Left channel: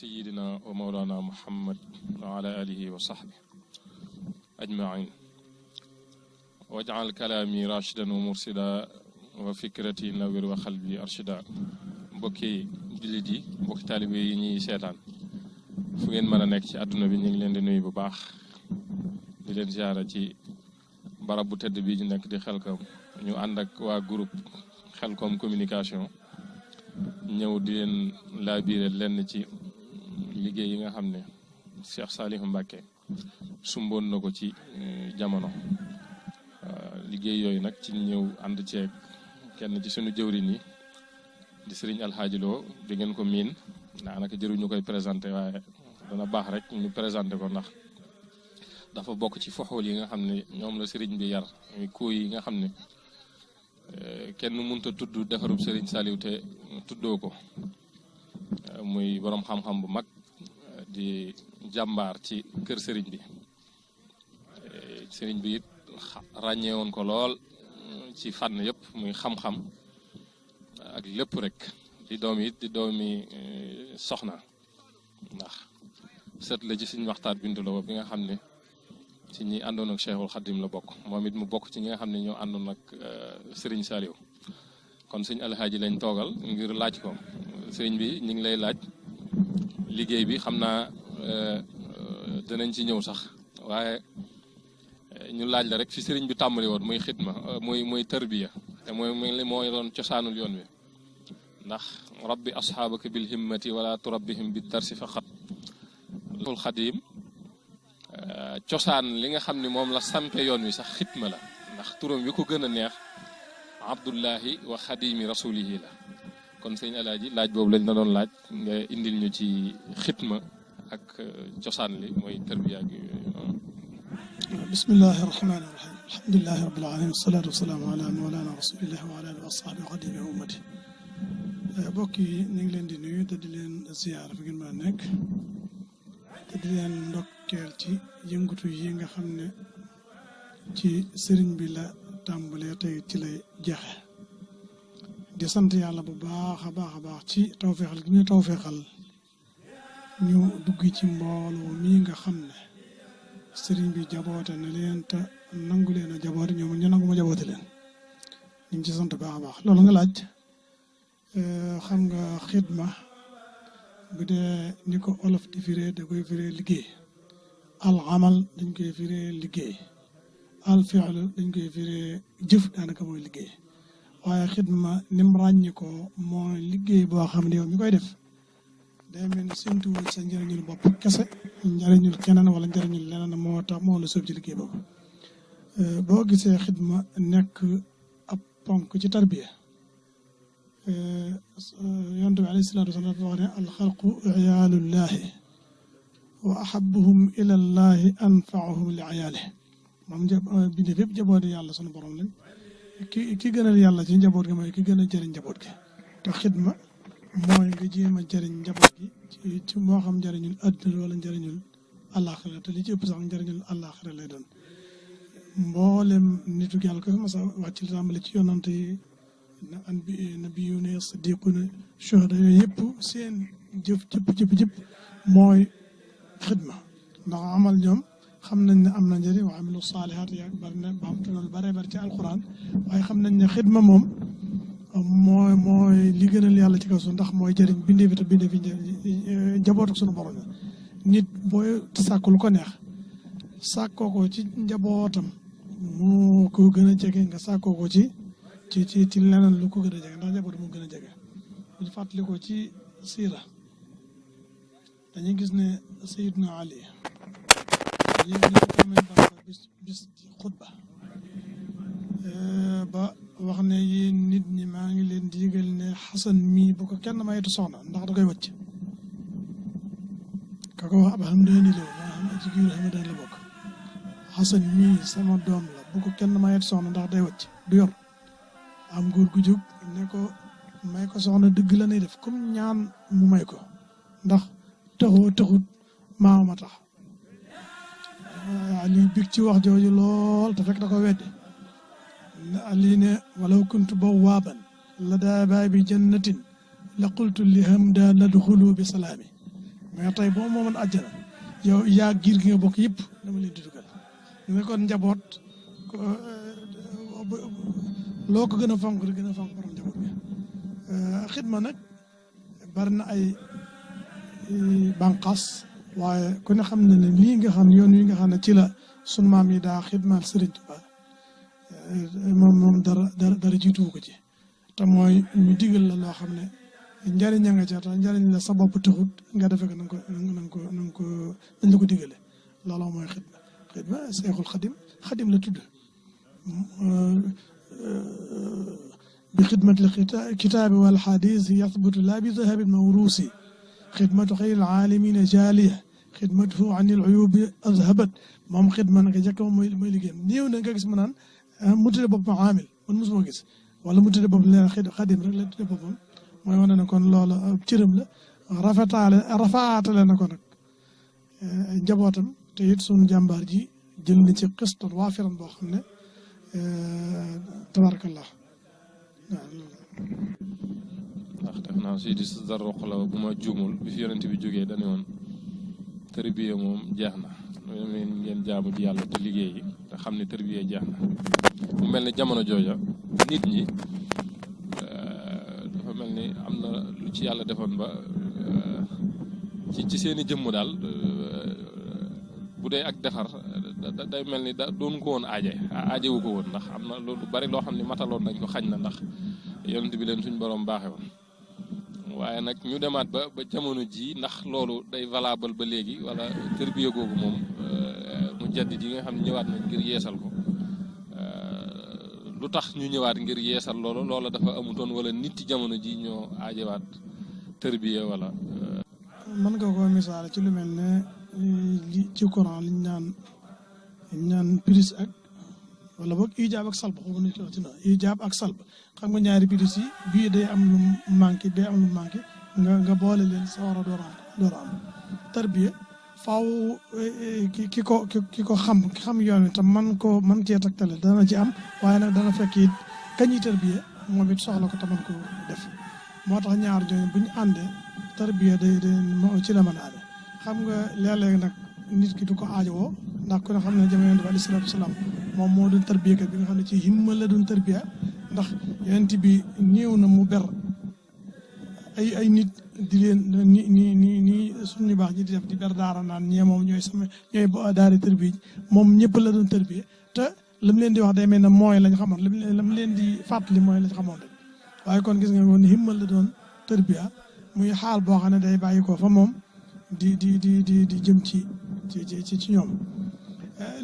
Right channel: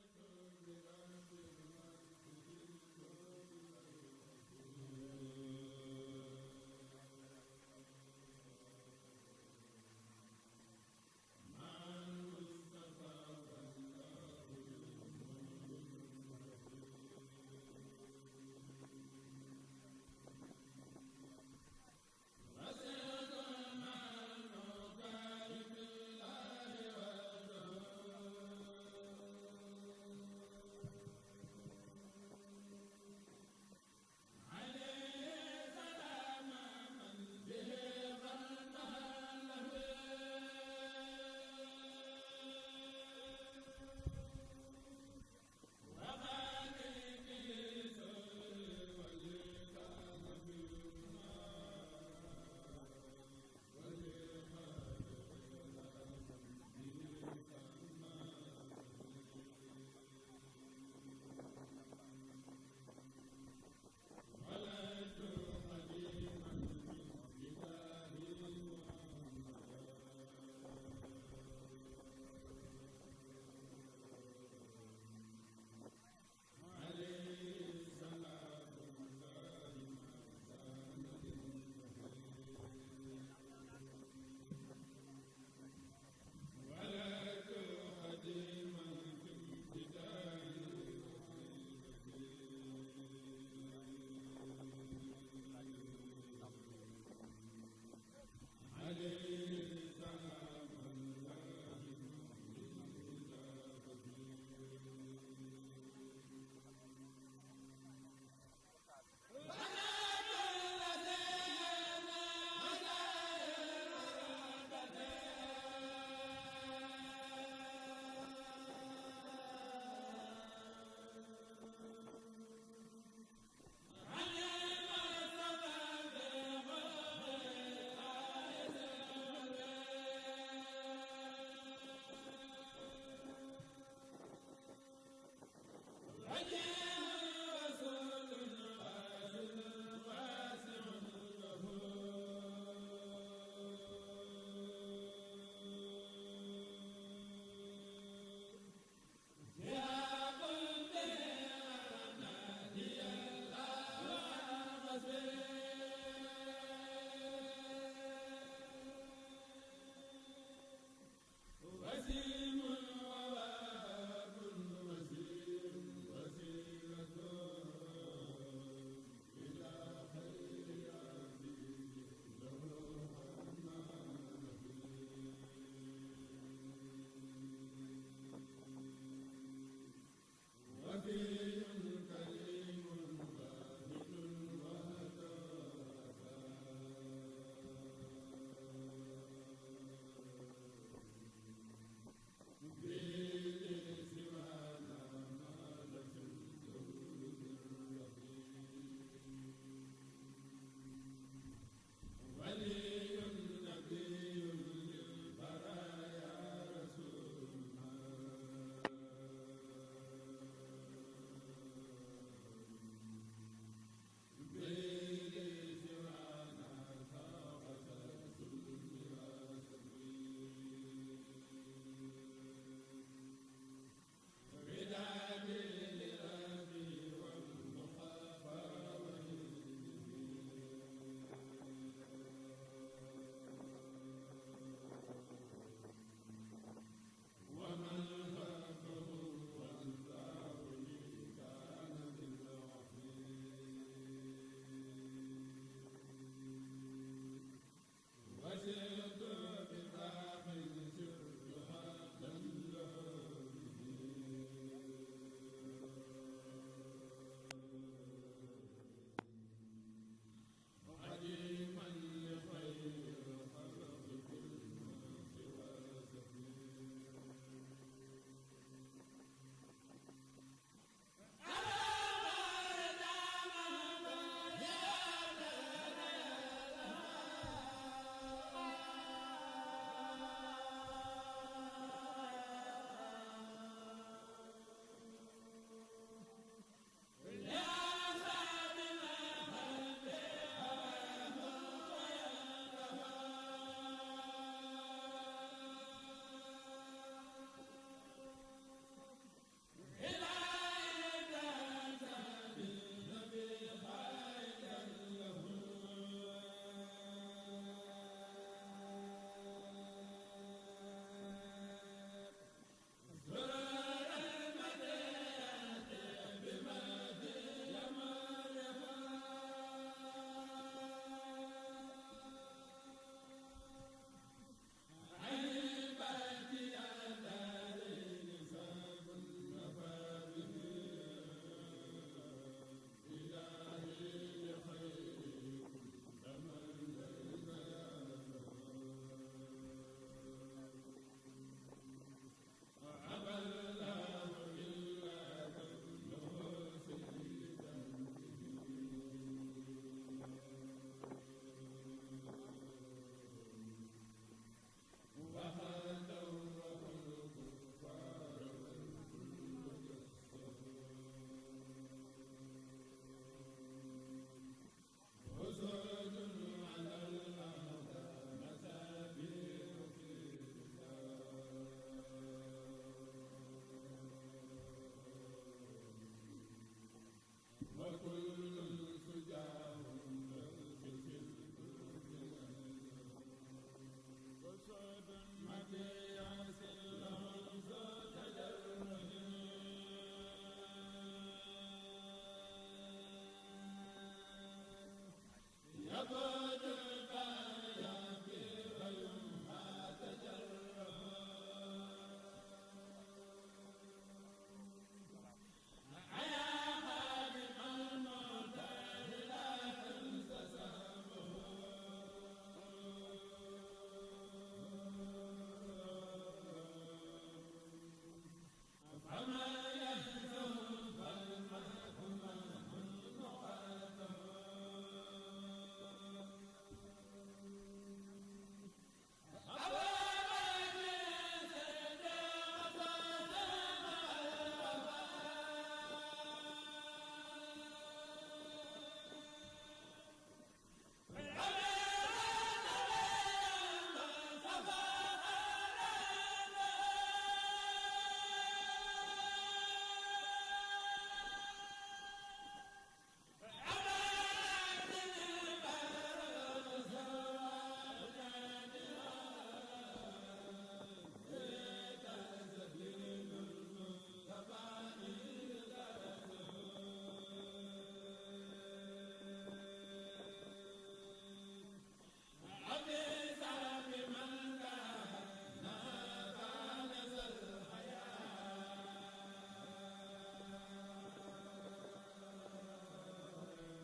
سيدنا ومولانا محمد وعلى آله وصحبه أجمعين واجعل كلامي راشدا ومرشدا وفكرتي نوير وقلبي أرشدا mbokki jullit yi mbokki taalibe yi ñuy seetaan fu ngeen mën a nekk ci àdduna bi ñu ngi leen di nuyu bu baax di leen ziara ci barab bu tedd bii ñu nekk di Xelcom ñu ànd ak waa groupe Xelcom communication ñëw di leen laabiire lenn ci liggéey yi nga xam ne Cheikh Saliou Mbacké sumboon na ko ci jamono liggéey yooyu nag ci ñëw ànd ceeg kenn ci sunu jëwriñ yi di Serigne Alhaaji Lo di ngeen ko miin daanaka jëruñu koy présenté waaye dana baax rek ñu présenté ko ndax dafa bokk ci foxool yi nga xam ne ñoom la Serigne bi yar muy kuuy yi nga xam ne kenn mënut a tudd defarub Serigne Saliou te tuddoo ko muy borom xam-xam bu mag di jàmbaar ci kër Serigne bi Serigne bi it ràññee woon ko lool ci fànn yëpp muy xam-xam ak lépp rek di doom it di doomi soxna ndax set la ci suñu waxtaan bintu la bi nga xam ne ci ñi àndoon ak Cheikhul Khadim la bokk moom it mu bokk ci ñi nga xam ne ñoo àndoon ak Serigne Saliou kon sëñ Alhaaji lañ toogal ngir laaj ko Serigne bi ñu ngi lay laaj liggéey bi xam naa danañ ci ñëw sax waaye ñu laaj la rek fi Serigne bi tàmbali woon muy xidma muy tarbiya te mooy doon cosaanul yoon wi ndax rabbi asxaabaka bil himmati wala turabbihim bi darsi faqat Cheikhul Khadim cosaan li nga xam ne moom la sante yoon wi sax xidma la ndax turam wi ko gën a neex abdullahi wa xadimi rasulihi la kon sëñ Alaaji laaj boobu lañ la doon laaj nga indil ñu ci xidma ak cosaan li mooy tarbiya gi bismillahi rahmaani rahim alhamdulilahi rabbil alamin wasalaatu wasalaamu ala mawlana rasulillah wa ala alihi wa sahbi xadimi ummati mbokk yi ñu ngi leen di nuyu te di leen ziyaar fi ngeen mën a nekk te di leen ndokkeel ci yëngatu yi nga xam ne ci sëriñ bi la tàmbalee tey ci lay jeexe di sant yàlla bu baax a baax a baax ci tawfeexal gi ñu tawfeexal ñu dugg ci mbooloo mii nga xam ne sëriñ bi jaboote na leen te nangu leen a jaboote ñoom ñu nangu ma jaboote leen ñu ngi ci sant baax a baax loolu nga laaj xam nga xidma bu dee ni ko olof di firee da koy firee liggéey al amal dañ koy firee liggéey al fi'lu dañ koy firee jëf daanaka mooy liggéey waaye xidma nim ràññi ko mooy liggéey boo xam ne yow mi koy def day mel ni séntuwul sa njëriñul bopp kese njëriñul keneen wala njëriñul leneen moo tax moo la sóob ci liggéey boobu boo gisee xidma nekk ab ponk ci tarbiya yonent bi alayhi salaatu wasalaam wax ne alxalqu iyaalullahi wa ahabuhum ilallahi anfaahum li ayaalihi moom bindéef yëpp jabooti yàlla sunu borom lañ ki gënal yàlla ci njaboot gi mooy ki gën a jëriñ njaboot gi te xidma mooy nga jéem a jëriñ njaboot gi ci moo xam njëriñul àdduna wala njëriñul àllaaxira te li ci ëpp sax njëriñul àllaaxira lay doon mboolem nitu yàlla ko mas a wàcc li tàmbale ci yonante yi nabiyuuna siddiquuna shuhada yooyu yëpp seen jëf jëpp mooy xidma ndax amal ñoom xam nañ ne am na njëriñ wa amilu saalihaat yaa bari na ba am te loolu bare bari ci alquran waaye xam nañ ne xidma moom mooy li gënal yàlla ci kaw suuf ndax mooy jëriñ bindee fi te bindee fi njabootu suñu borom nit booy sàkk lu ko neex sàkkoo ko ci njabootam moo ko gën a jege nga sàkkoo ko ci leneen lu ko gën a jege ndax njaboot moo gën a jege ñu fàttali ko ci siira dañuy gis ne Seydina Ali yéen ñi ko tamit bis ci xutba ba wax ne yéen nit ñi maa ngi leen di yëgal ne Xasan mii bu ko kenn mayetu soxna ndax da koy wàcc ka ko wax ab xam ne ni leen ci biir xam ne la bokk Xasan mii sama doom la bu ko kenn mayetu soxna ndax day wàcc du yor am góor gu jóg ne ko may ko soxna dëgg la nay def comme ñaan mu may ko ndax taxut maama tax Ali big ci wax jooju lool te fekk da ko weddi Ali ne walaw kuntu bawaaban la daa baabi jannatin la qultu li hamda ladxulu bi salaami mais tey boo moomoon àjjana yow yaa giir gi nga bokk yëpp dama leen di dugal nga kon njaboot loo ko gën a fonk rek gën a fonk borom njaboot bi xidma nag bari na ay bànqaas waaye ku ne xam ne ne lii nga xam yoon yi nga xam ne ci la sunu maam yi daa xidmaal Sëriñ Tuubaa moom dara jiituwu ko ci te mooy ñu digal la loo xam ne njëriñ a nga ca te njëriñ la sa bopp taxut nga defe ko na nga la ko digale looloo mooy xidma Seexul Xadim la tudd bi xidmati kitaabi wal xadis yathbutu laa bi dahabin mawruusi xidmatu xayril aalamiina jaaliya xidmatuhu an il uyubi azhabat moom xidma naka jëkk moom mooy liggéeyam néew na nga gis mu naan mu tudde boppam aamil man mosuma gis wala mu tudde boppam leen xadim rek la tudde boppam mooy wane ne kon loola cërëm la rafaatale na ko nag njabootam te it sunu jàmbaar ji jël na ci xistan waafiran boo xam ne tabarakallah ndax def naa si di sa roq la bu ma juumul bi fi yonent bi jógee dane woon tërbiye moom jeex na ngeen jaamu ji yàlla te liggéey yi te xam ne tërbiye jeex na mu mel ne jamono jooja nit ñi dafa mel ni am na lu ci yàlla defoon ba ci seeni jëmm daal bu dee ak defar day mel ni doon ko woon aajewu ko woon ndax am na loolu bari loo xam ne mataloon nañ ko xañ na ndax yonent bi leen suñ borom baaxe woon waaye nag ñu demaat ba jamono ji ndax loolu day valable ba léegi wala tërbiya googu moom mu jaddit yi nga xam ne ñëwaat nañ ngir yeesal ko lu tax ñu ñëwaat ngir yeesal loolu loola dafa amutoon wala nit ci jamono ji ñoo aajewaat tërbiya wala mën nga ko misaal ci lu mel ne ci Quran liñ naan prise ak wala boog ijaab ak salb xaw ma ci na ijaab ak salb xam nga ñaari prise yi bii day am lu manqué day am lu manqué nga boole leen sa war a door a am tarbiya faaw ki ko xam yoon wi te man cee tegtale dana ci am waaye nag dana fekk it kañuy tarbiya moom it soxla ko te man ko def moo tax ñaar jooju bu ñu àndee tarbiya day ci la mën a ànd xam nga léeg-léeg nag nit ki du ko aajowoo ndax ku ne xam ne jamono bi alayhi salaatu wasalaam moom moo doon tarbiya kat bi nga xam ne ci himma la doon tarbiya ndax yonent bi néew na mu ber ay nit di leen ni suñu baax ji di def di ber daara naan ñee moom ñooy daari tarbiya moom ñëpp la doon tarbiya te li mu leen di wax day mel ne mooy lañ xamoon li mu leen di fàttali mooy lañ xamoon rek waaye kon gis nga woon himma la doon tarbiya muy xaal boo xam ne day bàyyi ko fa moom di jëm ci ñoom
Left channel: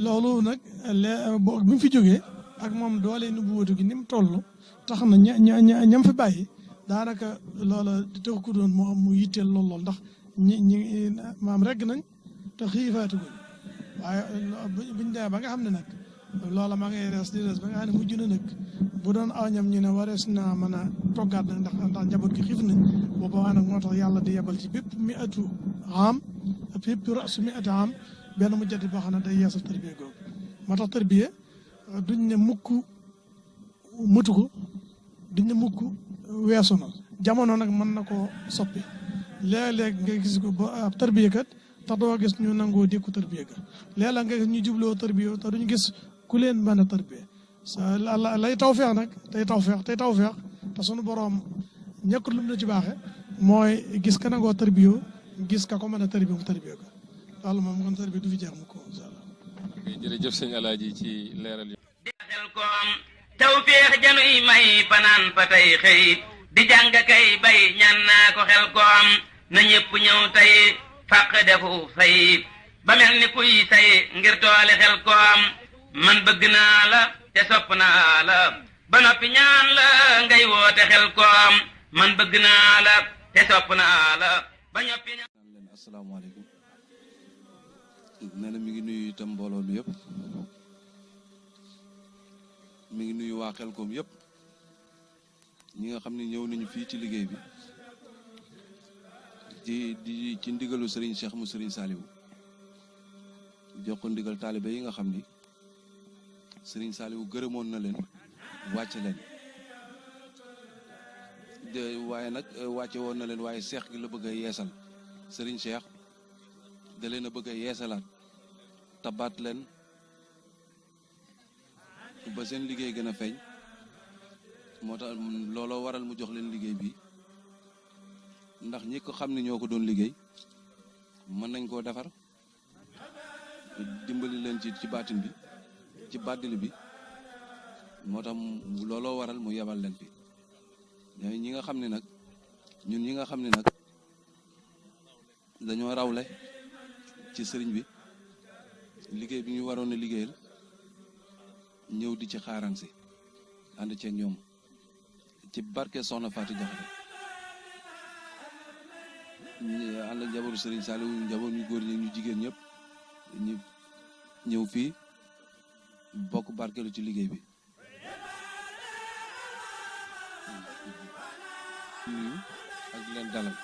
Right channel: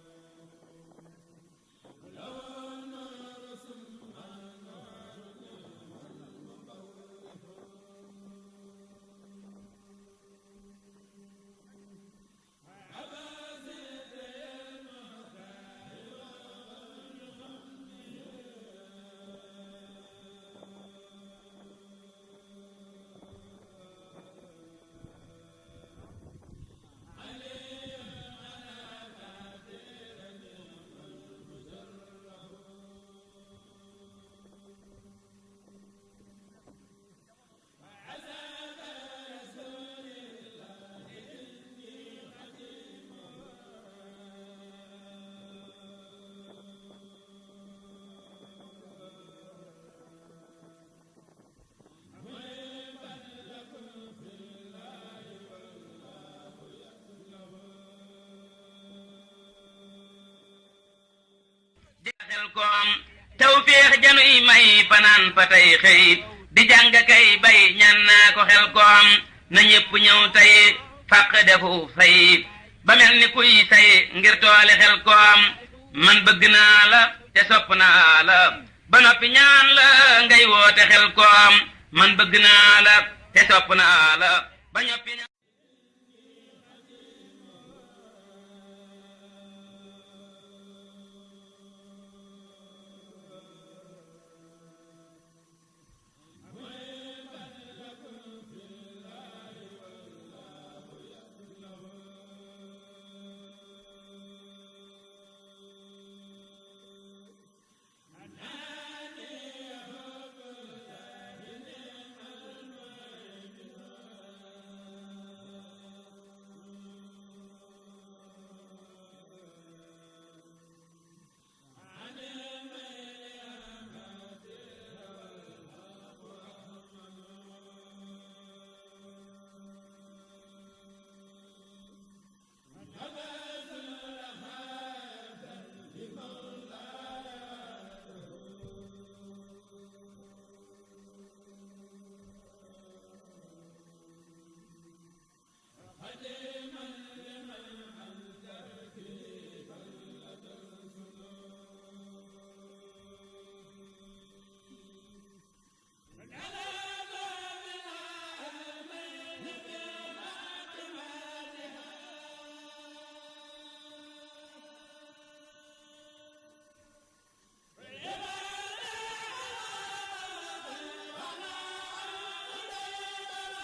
loolu nag bi mu fi jógee ak moom doole nubuwatu gi ni mu toll tax na ñam fi bàyyi daanaka loola tax ko doon moo am mu yitteel lool ndax ñi maam regg nañ te xiifaatu ko waaye buñ demee ba nga xam ne nag loola ma ngay rees di rees ba nga xam ne mujj na nag bu doon aw ñam ñu ne warees naa mën a toggaat nag ndax njaboot gi xiif nañ booba waa nag moo tax yàlla di yebal ci bépp mi atu am bépp rasu mi atu am benn mu jaddi boo xam ne day yeesal tarbiya googu moo tax tarbiya duñ ne mukk mëtu ko duñ ne mukk weesu na jamono nag mën na koo soppi léeg-léeg nga gis ko ba ab tarbiya kat tax doo gis ñu nangoo dékku tarbiya kat léeg-léeg nga gis ñu jubloo tarbiya te duñ gis ku leen mën a tarbiya lay tawfeex nag tey tawfeex te sunu boroom ñekkul lu mu la ci baaxe mooy gis ka nangoo tarbiya gis ka ko mën a tarbiya mu tarbiya ko loolu moom kon tarbiya du fi jeex mu ko incha allah. jërëjëf sëñ Alaaji ci leeral yi. di xel ko am tawfeex januy may fanaan fa tey xëy di jàng kay bay ñaan naa ko xel ko am na ñëpp ñëw tey fàq defu fay ba mel ni kuy say ngir toole xel ko am man bëgg naa la te sopp naa la ba noppi ñaan la ngay woote xel ko am man bëgg naa la te sopp naa la ba noppi ñaan. asalaamaaleykum nee na mi ngi nuyu itam mbooloo bi yëpp mi ngi nuyu waa Xelkom yëpp ñi nga xam ne ñëw nañu fii ci liggéey bi di ci ndigalu Serigne Cheikh mu Serigne Saliou jox ko ndigal taalibe yi nga xam ni Serigne Saliou gërëmoon na leen wàcce leen waaye nag wàcce woon na leen waaye seex gi la bëgg a yeesal Serigne Cheikh da leen a bëgg a yeesalaat tabaat leen ba seen liggéey gën a feeñ moo tax looloo waral mu jox leen liggéey bi ndax ñi ko xam ne ñoo ko doon liggéey mën nañ koo defar dimbali leen ci baatin bi ci bàddili bi moo tax looloo waral mu yebal leen fi ñi nga xam ne nag ñun ñi nga xam ne nag dañoo rawle ci sëriñ bi liggéey bi ñu waroon a liggéeyal ñëw di ci xaaraan si ànd ceeg ñoom ci barke Soxna Fatou Diakhaté ñu ànd ak njabootu sëriñ Saliou njaboot ñu góor ñi ñu jigéen ñëpp ñu ñëw fii bokk barkeelu ci liggéey bi ak leen dalal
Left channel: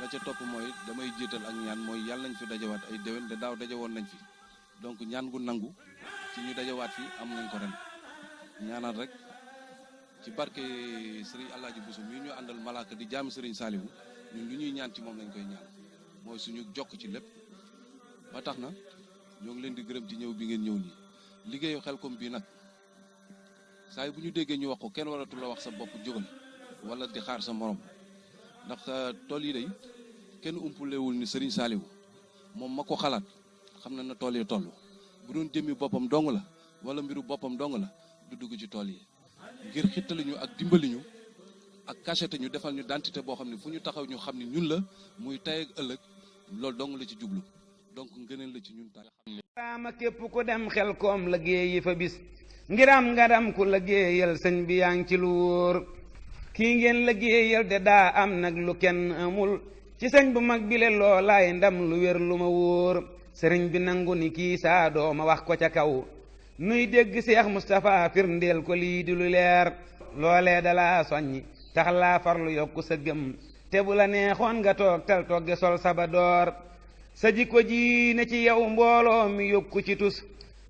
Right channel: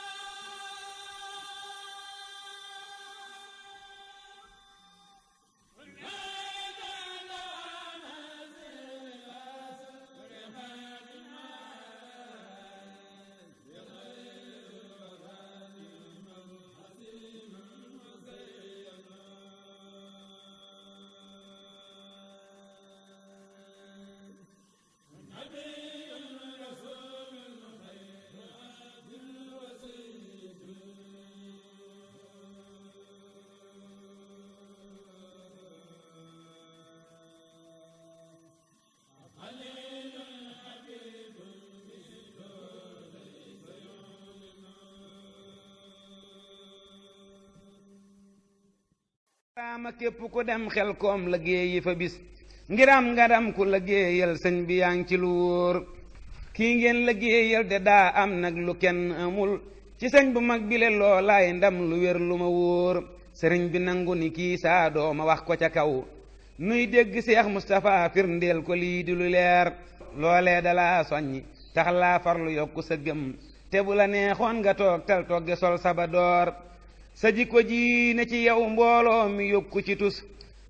la ca topp mooy damay jiital ak ñaan mooy yàlla nañ fi dajawaat ay déwén de daaw dajawoon nañ fi donc ñaan gu nangu ci ñu dajawaat fi am nañ ko ren ñaanaat rek ci barke Serigne Alaaji Bousso mi ñu àndal malaaka di jaami Serigne Saliou ñun lu ñuy ñaan ci moom lañ koy ñaan mooy suñu jokk ci lépp ba tax na ñoo ngi leen di gërëm ci ñëw bi ngeen ñëw nii liggéeyu Xelcom bii nag saa yi bu ñu déggee ñu wax ko kenn waratu la wax sa bopp jógal wala di xaar sa morom ndax tool yi day kenn umpulewul ni Serigne Saliou moom ma ko xalaat xam na tool yi toll bu doon jëmmi boppam dong la wala mbiru boppam dong la du dugg ci tool yi ngir xittali ñu ak dimbali ñu ak cachette ñu defal ñu identité boo xam ne fu ñu taxaw ñu xam ne ñun la muy tey ak ëllëg loolu dong la ci jublu donc ngëneel la ci ñun tax raama képp ku dem Xelcom liggéeyi fa bis ngiram ngaram ku liggéeyal sëñ bi yaa ngi ci lu wóor kii ngeen liggéeyal de daa am nag lu kenn amul ci sëñ bu mag bile loolaay ndam lu wér lu ma wóor sëriñ bi nangu ni kii saa dooma wax ko ca kaw nuy dégg Seex Mustapha firndeel ko lii di lu leer loolee dalaa soññi tax laa farlu yokku sa gëm te bu la neexoon nga toog tal togge sol saba door sa jikko ji na ci yow mbooloo mi yokku ci tus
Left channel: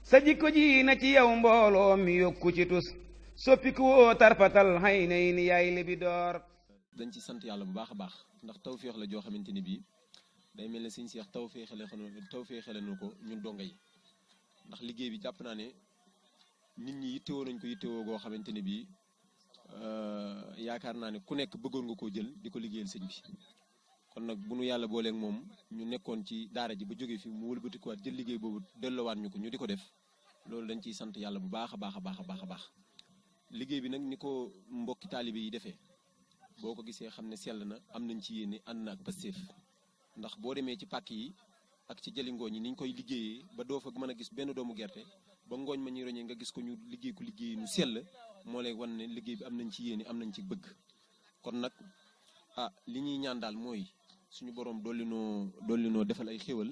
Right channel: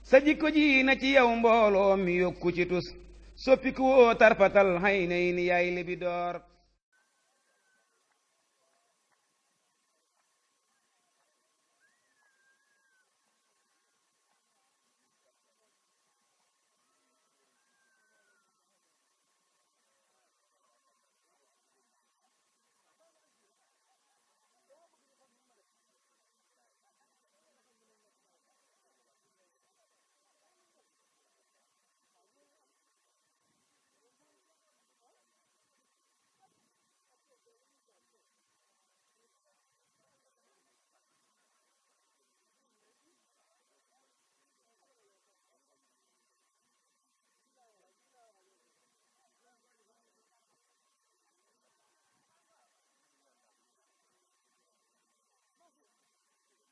sa jikko ji na ci yow mbooloo mi yokku ci tus soppiku woo tarfatal xay nay ni yaay libi door dañ ci sant yàlla bu baax a baax ndax tawféex la joo xamante ni bii day mel ne Sëñ Seex tawféexale na ko ñun donga yi ndax liggéey bi jàpp naa ne nit ñi yittewoo nañ ko yittewoo goo xamante ne bii yaakaar naa ne ku nekk bëggoon nga koo jël di ko liggéeyal sëñ bi kon nag bu nu yàlla booleeg moom ñu nekkoon ci daara ji ba jógee fi mu wëlbatikuwaat jël liggéey boobu delloowaat ñu ko ñu di ko def loolu dañ ciy sant yàlla bu baax a baax a baax a baax a baax liggéey bi nag ni ko mbokki taalibe yi defee boo ko gisee xam ne sell na am nañ ci yéene ànd na ak Pastef ndax boo demee ci pàkk yi ak ci jëli ngooñ yi ni ñu koy liggéeyee ba doo fa mën a gis benn doomu gerte ba ngooñ ma ñuy roñee nga gis ko ñu liggéey ko liggéey nu sell moo lay wan ne liggéey bi am nañ ci yéene am nañ ci bëgg kon nag li ñuy ñaan daal mooy suñu borom dolli noo defal ay xéwal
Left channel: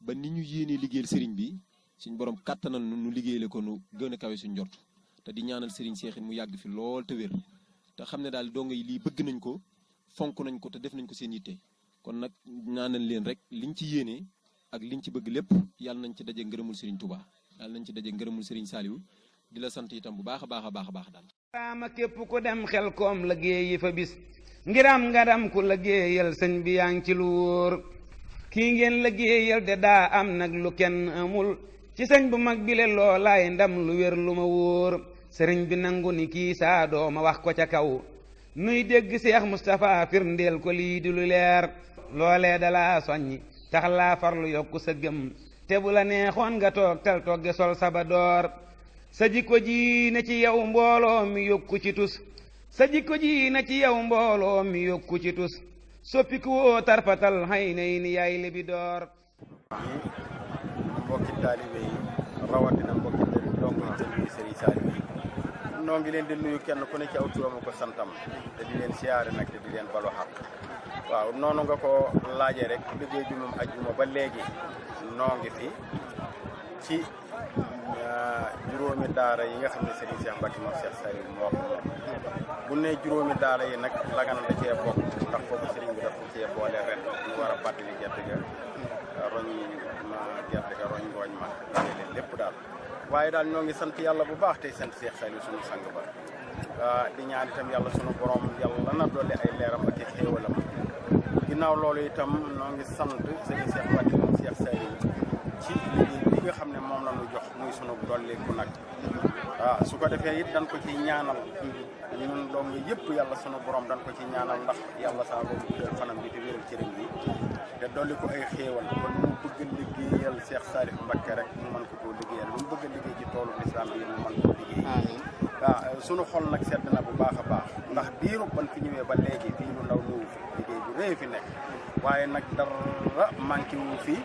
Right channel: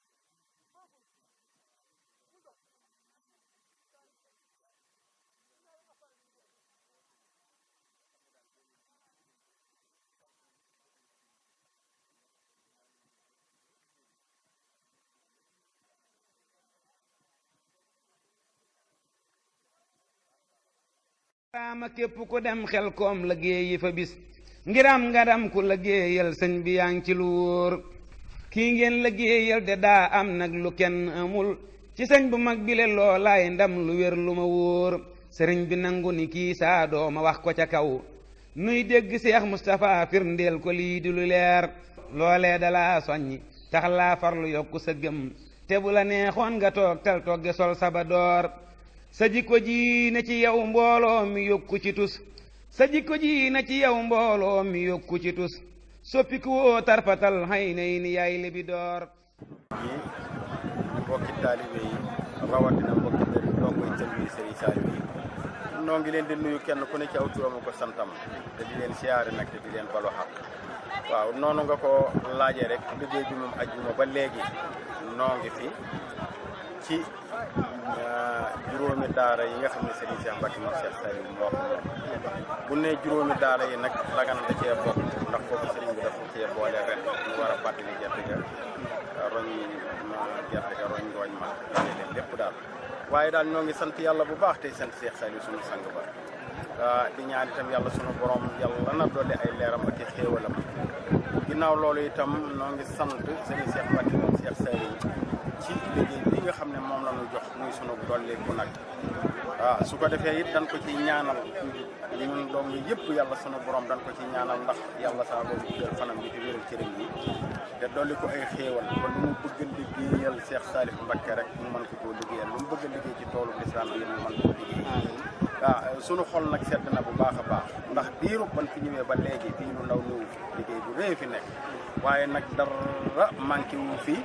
ba ni ñu yéenee liggéeyal sëriñ bi suñu borom kàttanal nu liggéeyale ko nu gën a kawe suñu njort te di ñaanal sëriñ Seexin mu yàgg fi lool te wér te xam ne daal donga yi lii bëgg nañ ko fonk nañ ko te def nañ ko seen yitte kon nag ñaanal leen rek liñ ci yéenee ak liñ ci bëgg lépp yàlla nañ ci daje ngërëmul sëriñ Touba yàlla nañ ci daje ngërëmul sëriñ Saliou di la sant itam bu baax a baax a baax a baax daal raama képp ku dem Xelcom liggéeyi fa bis ngiram ngaram ku liggéeyal sëñ bi yaa ngi ci lu wóor kii ngeen liggéeyal de daa am nag lu kenn amul ci sëñ bu mag bile loolaay ndam lu wér lu ma wóor sëriñ bi nangu ni kii saa dooma wax ko ca kaw nuy dégg Seex Mustapha firndeel ko lii di lu leer loolee dalaa soññi tax laa farlu yokku sa gëm te bu la neexoon nga toog tal togge sol saba door sa jikko ji na ci yow mbooloo mi yokku ci tus sa jikko ji na ci yow mbooloo mi yokku ci tus soppiku woo tarfatal xay nay ni yaay libi door yi mbokki taalibe yi rawatina mbokki dongo yi tënk yi Serigne Saliou yi noo ngi leen di nuyu kenn ku ne ci aw turam ko santam te di leen siyaare nag te di leen balu xaq waaw noonu nga ko laajee rek liggéey bi moom ajjuma ba léegi noo ngi fi ci juróomi daara yi nga xam ne Serigne Cheikh Mbacke moom Cheikh Saliou moo ko moom bu ne juróomi daara yi nag Lagana da cee bokk ndax foofu Serigne bi dafa cee boole ren ñu war a fàttali gerte ga roñ ngooñ ma dane leen lépp daal waaye daal ñoo ngi sant yàlla bu baax tey sant Cheikh Saliou sunu sang ba di ñaan itam yàlla sunu borom yàlla na dolli ay leeram ak i xéewalam ginnaaw loolu itam noo ngi sant Serigne Cheikh Mbacke moom Cheikh Saliou ci liggéey bi nga xam ne moom la ñu jox muy sunu dolliku nag waaw su ko defee it dañ ko ci ñaanal ñun doom yi yëpp yàlla sunu borom dañ ko ci ñaanal ndax yàlla saa borom guddal fanam bi te wéral cëram bi te dolli ko ay xéewal ba lu mu bëgg a liggéeyal Cheikh Saliou Mbacke rek mu mën ko koo liggéeyal lu mu bëgg a liggéey ci toolu lislaam bi mu mën koo liggéey waaw sunu xol nag sedd na bu baax a baax ndax diiru ban fi ñëwee ba léegi fii lu ndaw ñëw fi liggéey bu rëy fi nekk waaye nag dara manqué wu fi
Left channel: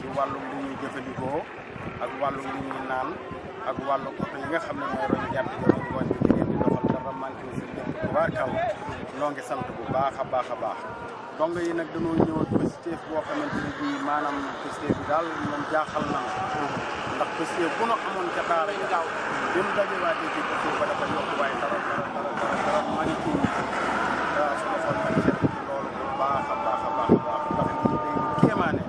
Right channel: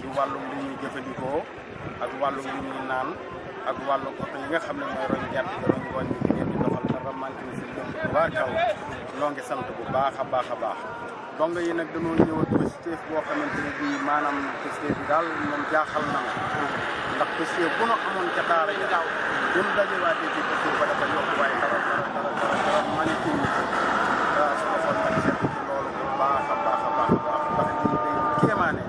ci wàllum li ñuy jëfandikoo ak wàllum li ñuy naan ak wàllu oto yi nga xam ne mooy roñ gerte gi roñ ngooñ bi di leen di doxal dara manqué wu fi lépp tubaarkal noo ngi sant bu baax a baax a baax dong yi nag dañoo ñëwat positif boo xamante ne bii maanaam positif bi daal moom jaaxal na ndax positif bu nu amoon ca daara ja daaw bi mu dajewaatee fii positif ba dafa yokk waaye dara manqué wu waaw su ma xool nag seet ci loolu bu baax a baax a baax a baax ndax lii day lu kéemaane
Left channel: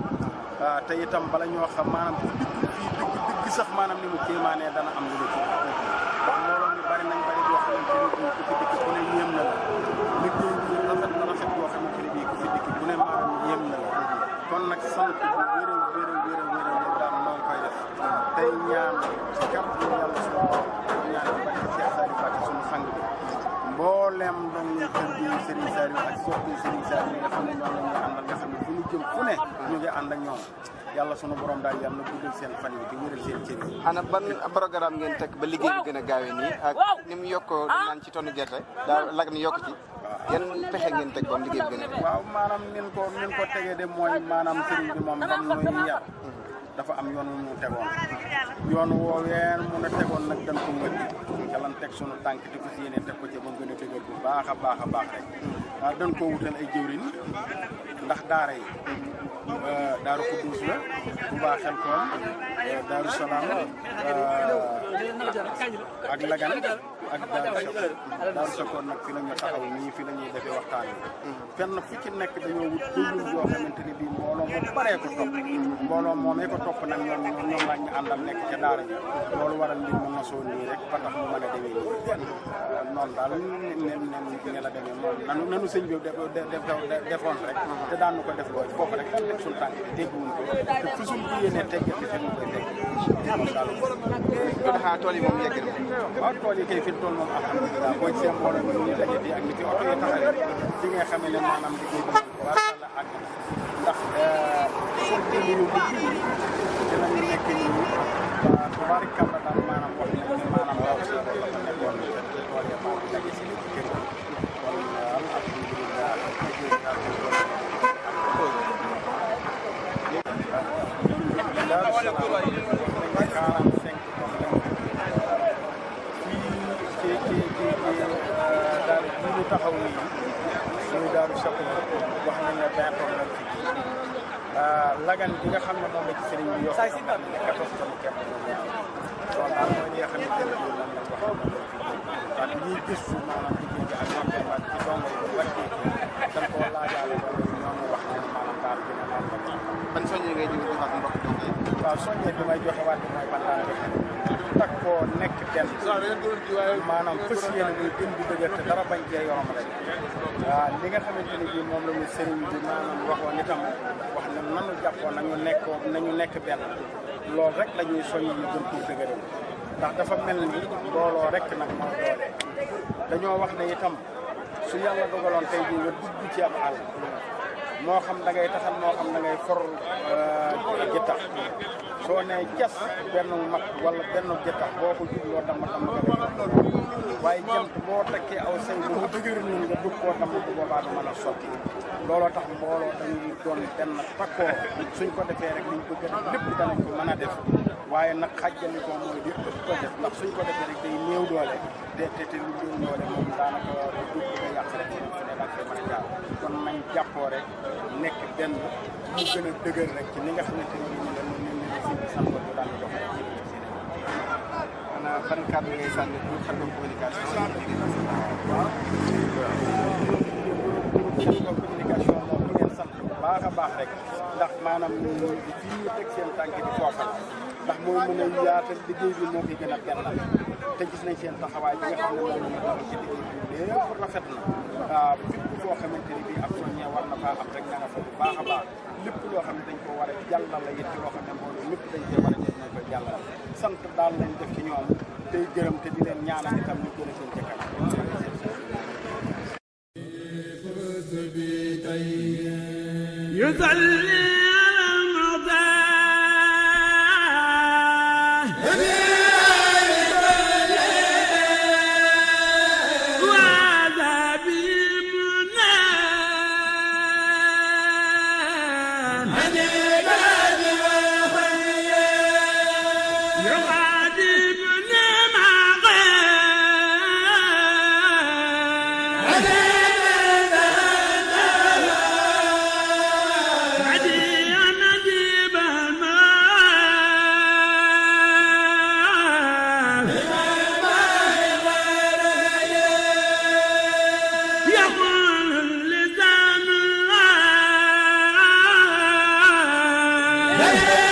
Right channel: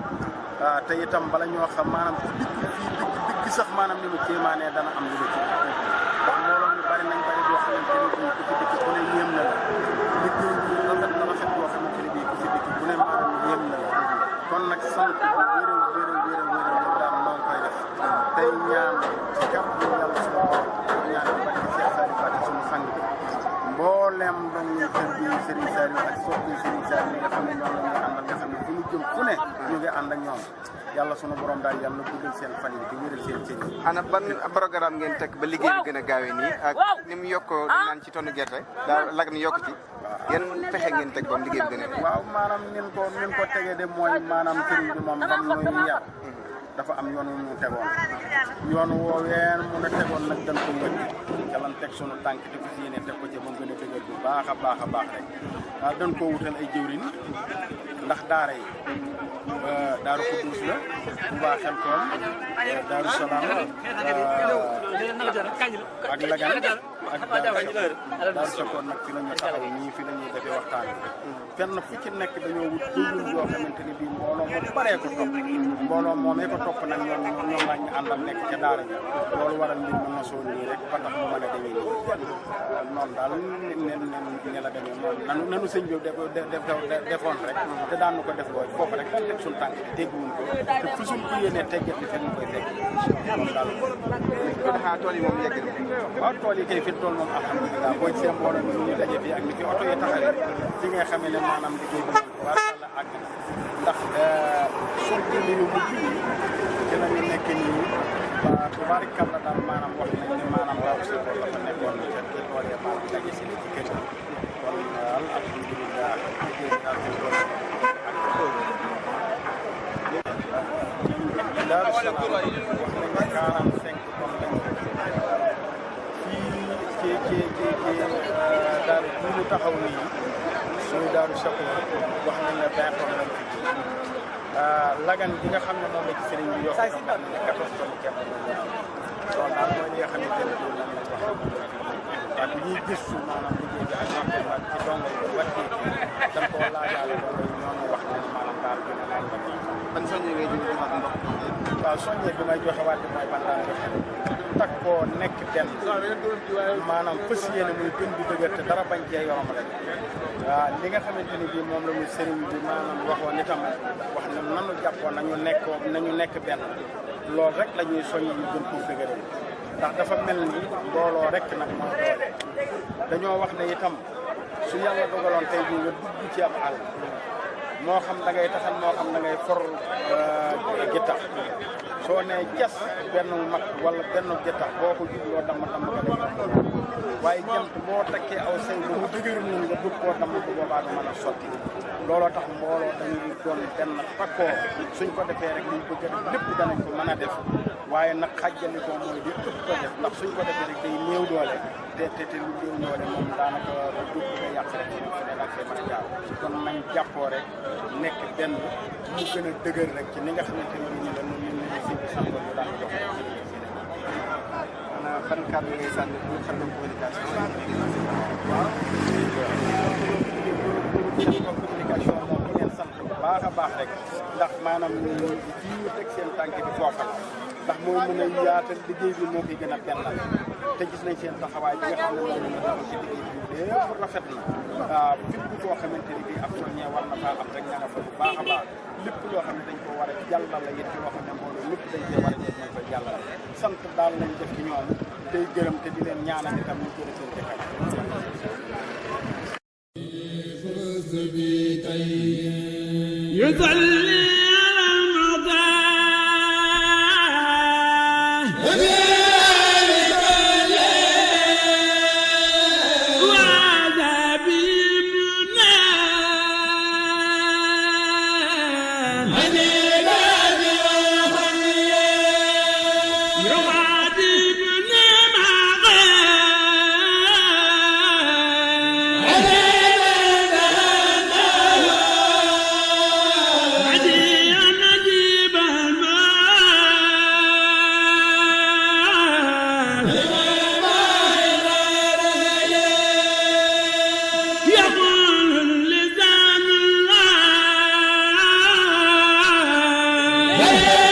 te itam bala ñoo xam maanaam ku dikk fii dëgg sax maanaam ni mu kéemaanee dana am lu la ci ndax mbooloo mi bari nañ bari boo xamante ne bii ku fi dikk ku ne yéem na la liggéey bi rafet na rafet boo xamante ne bii ku fi dikk ku ne maanaam yéem na la kon nag sant bu wér daal noo ngi koy def tey ñaan ci kàddu yàlla suñu borom ñaan bi bari ci Cheikh Saliou Mbacke suñu sang bi mboolem doon ñu kër gi Serigne Saliou ak soppi Serigne Saliou yi nga xam ne ñoom la ñuy àndal nga xam ne fu ñu jëm fu ne ñu ngi ànd ak ñoom yàlla sunu borom daal yàlla na guddal seen fan yi di wéral seen cër yi. ana ban programme ngeen teg ba liggéey bi gën a gaawee nii ak ni mu yokkoo dañ naan ci tonnu gerte daa lag ni yokk ci yan pexe ngeen teg ba liggéey bi gën a waaw maanaam nin ko tegee de mooy maanaam Serigne bi moom bam nuy yar dafa am yoon wu mu tegoon yoon wooween mu ne tegoon nag dañ ko wëcc ca lan teg sunu tànk te fas yéene teg ko ca ba mu gën a dëgër bu baax a baax a baax rek waaw dañ koo wutal ay jëwriñ ndax daara yi daaru Xuddus la Touba Xelkom daaru Salaam ak Lagan ak daaru Sakoon nag fi la ñu taxaw ñii fi la ñuy defee waxtaan bi fenn fu ci nekk dañoo wut jëwriñ yoo xamante ne bii mbooloo mu baree ko topp mbooloo moomee ko topp nag ñoom lañ ñu àndal nekk ca daara ji loolu waral mbir mu nosoo nii rek ba tax mu mën a demee nii noonu daal ne la demee moom nanu sëñ bi defoon rek te daan nu ko def looy foofu rek daan teg suñu tànk bi tegguwuñ ko te fu suñ ko yéenee teggati fi ñu koy tegg moom daal kon xanaa tool yi moom yegg na waaw tool yi kay fi tool moom alhamdulilah boo gisee mbooloo mi ñu daje fii ak ni fi oto yi taxawee ci nga xamee ne maanaam liggéey bi war la àgg ndax sorti li ñu mujj yi ci la ñu nekk nii waa tubaarikàlla daal maanaam wax nañ ne maanaam daaw si loolu dafa nekkoon ca tool ya maanaam daje si li ci kër gi kon daal alhamdulilah liggéey bi daal fi tool Daaru Salaam wax nañ ne 45 tonnes lañ ko fii ci daal ji ñu taxaw nii suñu Daaru Sakoor wax nañ ne 20 tonnes lañ fi ji Lagan bi nga xam ne moom la ci sëriñ bi yokk xam nañ ne 14 tonnes képp moom la fi loolu daal mooy li nga xamante ne bii lan lañ wax moom lañ fi ji waaye bi ñuy gëstu maanaam liggéey bi ak ñoom ci dongo yi ba wàccee ci dañ koo laajaale dongo yi ñoo ñu wax ne maanaam daal gën a laal la ban soññee ngay jóge joxaat mbokk dongo yi waaw soññee bi may joxe waat mooy ban daan joxe rek takkoo nekk benn maanaam fas yéene muy gën di dëgër te dara bañ cee yorom rek waaw li nga xamante ni bii moom la ñu sëriñ bi maanaam waxoon itam wax ne nanu jàppoon nañu nekk benn loolu rek la ñuy soññi ñu gën pour dëgëral ndax dafa mel ni mbooloo rek nag moo doole dañoo wax ne itam su yàlla dogaloon tey jii nga dugg ci ab àll moo xam da ngay taxal moo xam da ngay for gittax soo nee jas benn mag wala benn gittax boo ko jubloo damm nga lay yomb waaye jant boo takkee aw say ba mu dëgër nun nga dugg koo damm bu boobaa du mën a sotti looloo tax mbooloo dañuy doon benn takkoo suñ ko defee rek liñ bëgg a def lépp danañ ko mën a def waaye nag xàjjali ko mooy di ëpp ko def ndax suñ ko defee rek day néew doole te lu néew doole moom daanaka du bëgg a yàq rek fi ne da koy mën a jaar kon nañ jàppoo rek nekk benn mu gën a dëgër rek ci ni nga xamante ni ni la ñu si santoon ñu daan dox rek ci xanaa ban kàddu ngay sànni pour xam nga communication waaw communication moom di ngeen sant bu baax a baax rek ndax maanaam fii ñu teg seen tànk bi foofa la ndax mooy mën a yaatal liggéey bi moo koy gën a bennal te gis nañ seen taxawaay bi nga xam ne moom la ñu taxaw ci liggéey bi lépp rafet na waaw fépp foo xamante ni bii ab soññee war na faa am rek nga nga fa bu baax a baax lépp loo xam ne dañ ko war a jàllale it loo xam ne mbooloo lépp dañ cee war a jot nañ koy jàllale sant daal lañ def ci ñoom tey gërëm te di leen ñaanal itam ñu gën a seen jëkkër يصلي على المعتاد Hey!